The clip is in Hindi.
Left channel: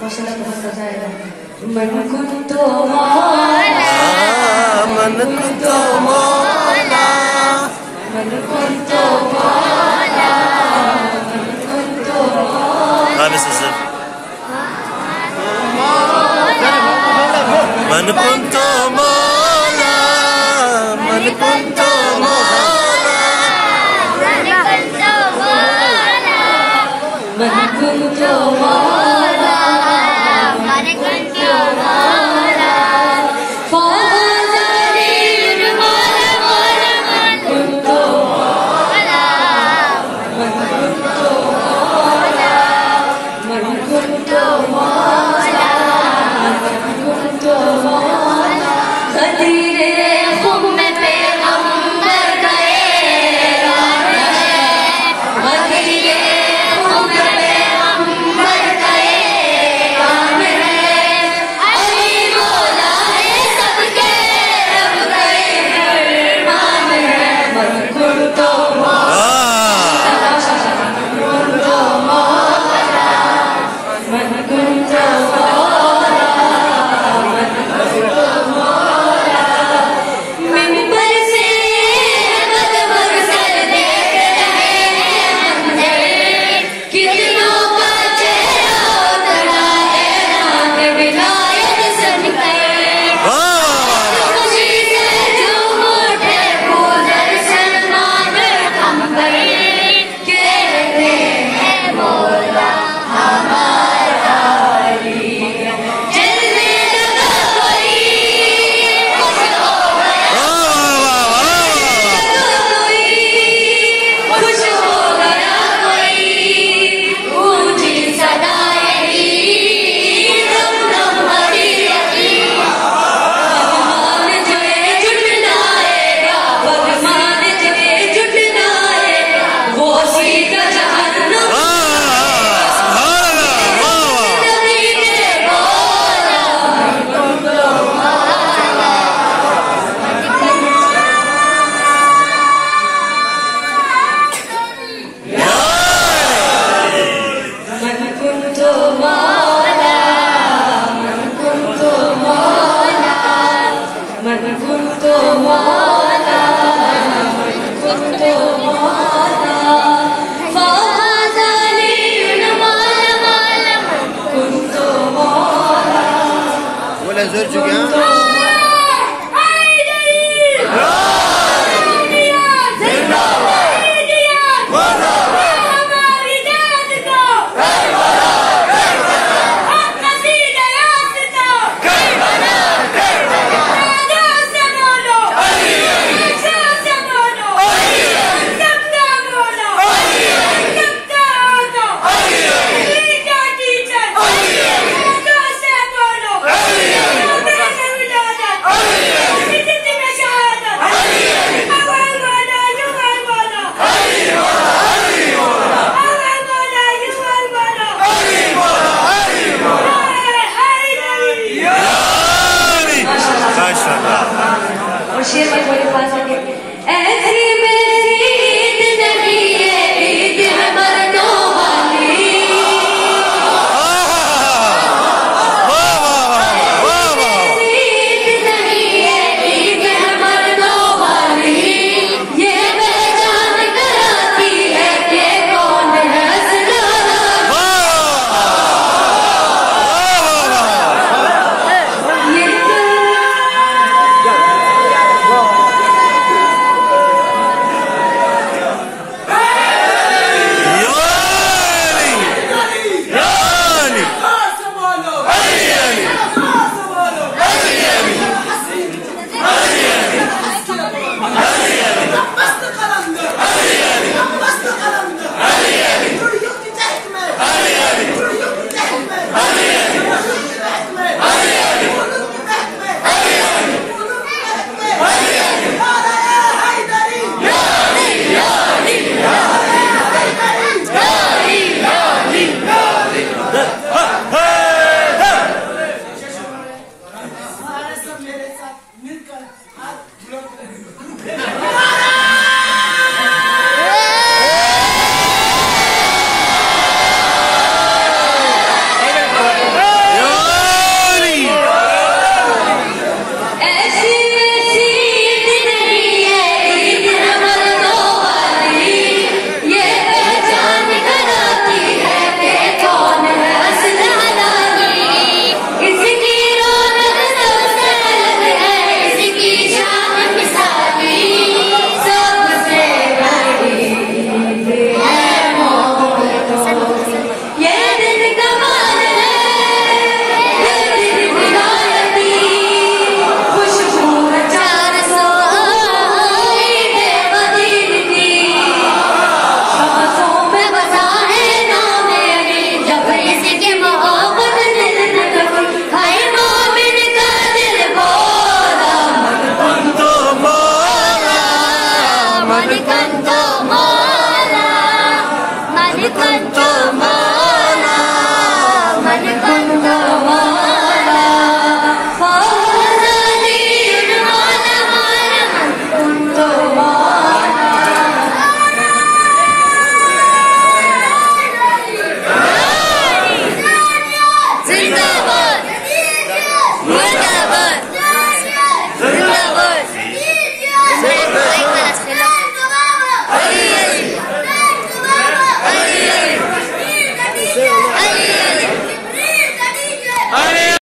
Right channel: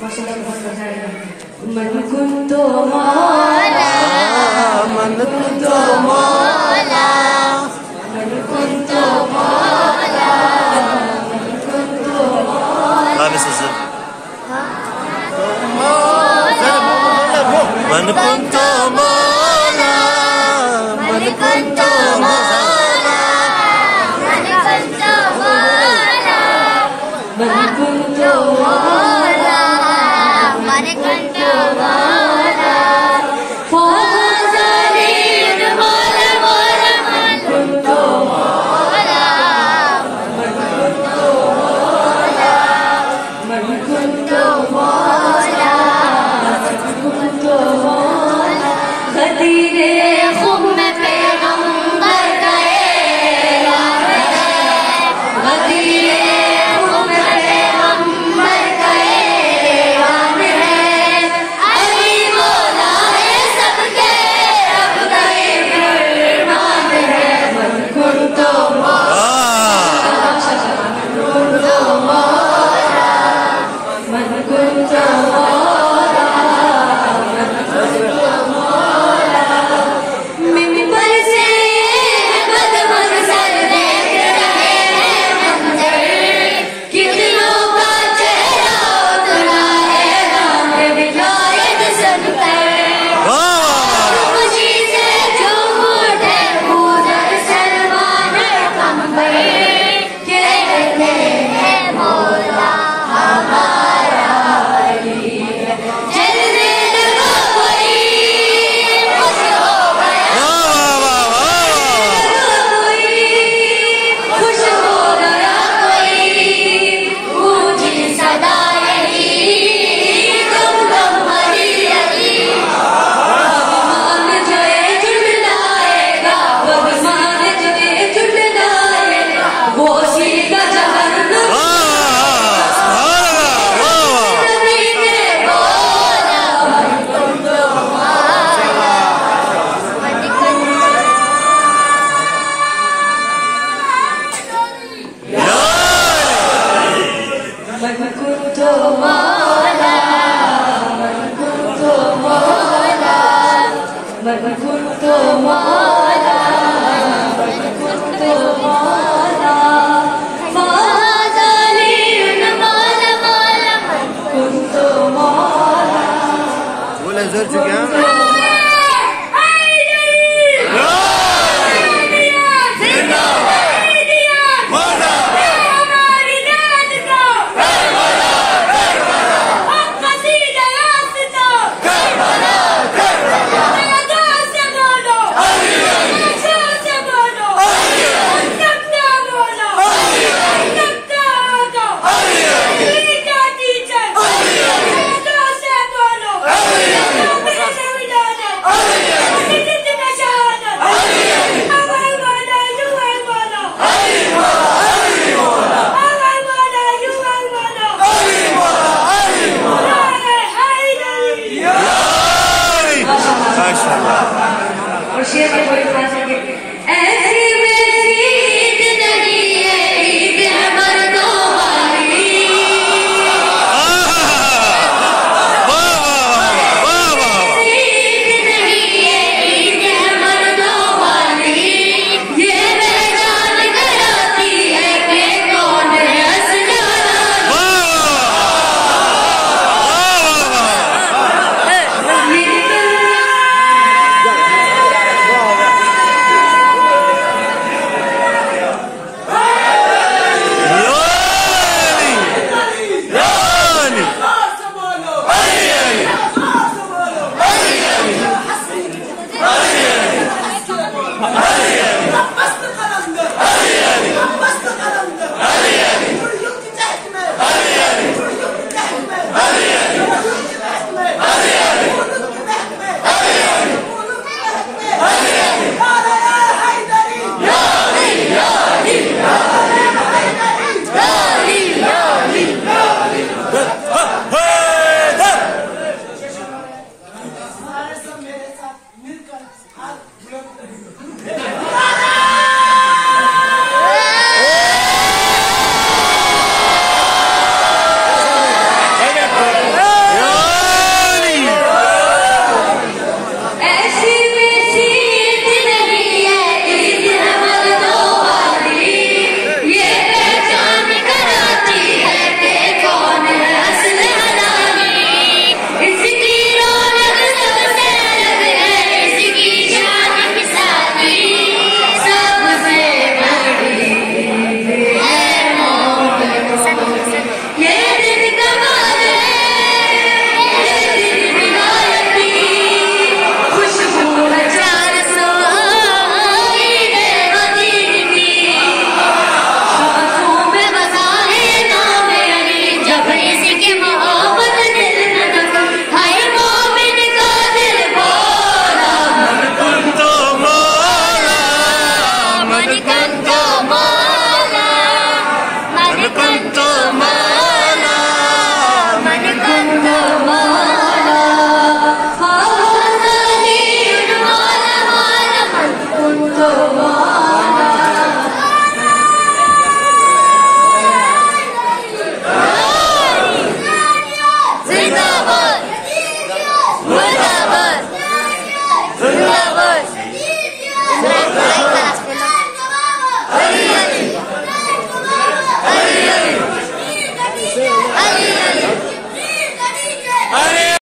माशाल्लाह बहुत मजा आएगा। मन कुंतो मौला, मन कुंतो मौला, मन कुंतो मौला, मन कुंतो मौला। हाँ बस सर। मन कुंतो मौला, मन कुंतो मौला, मन कुंतो मौला, मन कुंतो मौला, मन कुंतो मौला। फाज़िल मौला मौला मन कुंतो मौला, मन कुंतो मौला, मन कुंतो मौला, मन कुंतो मौला। खतीरे खुम में पैगंबर गए, खतीरे खुम में पैगंबर गए, मान है अली मौला है सबके रब गए, मान है मन कुंतो मौला, मन कुंतो मौला, मन कुंतो मौला। मिंबर से अहमद मंजर देख रहे हैं मंजर, कितनों का चेहरा उतरा ऐलान विलायत सुनकर, खुशी से झूम उठे गुजर सलमान अंबर, कहते हैं मौला हमारा अली है। जलने लगा कोई, खुश हो गया कोई, खुश हो गया कोई, गूंजी सदाएं दम दम अली अली। भगवान जो जुटलाएगा, भगवान जो जुटलाएगा, वो सीधा जहन्नम नबी ने बोला। मन कुंतो मौला, मन कुंतो मौला, मन कुंतो मौला, मन कुंतो मौला, मन कुंतो मौला। फाज़िल मौला मौला, मन कुंतो मौला। बोले जोर चुके हैं। माशाल्लाह। और शेर के बड़े